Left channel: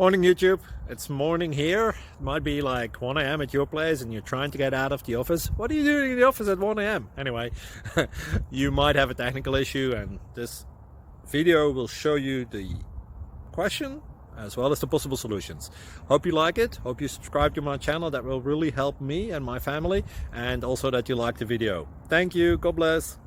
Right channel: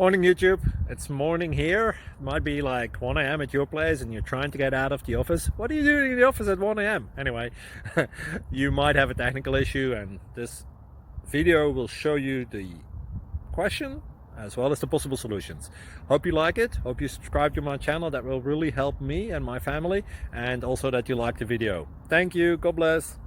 Morning YouTube, it's morning here. It might be like 1 a.m. at your place and you're trying to get out of the office. What are you doing in the office at 1 a.m.? Anyway, you might have a technical issue and this video will show you the question as well as the possible solutions. Hope you like it, hope you subscribe to my channel. That will really help me and my family, and also that you like the video. Thank you, God bless.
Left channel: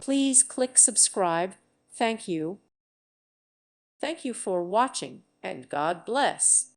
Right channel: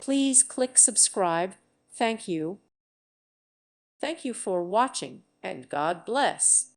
Please click subscribe. Thank you. Thank you for watching, and God bless.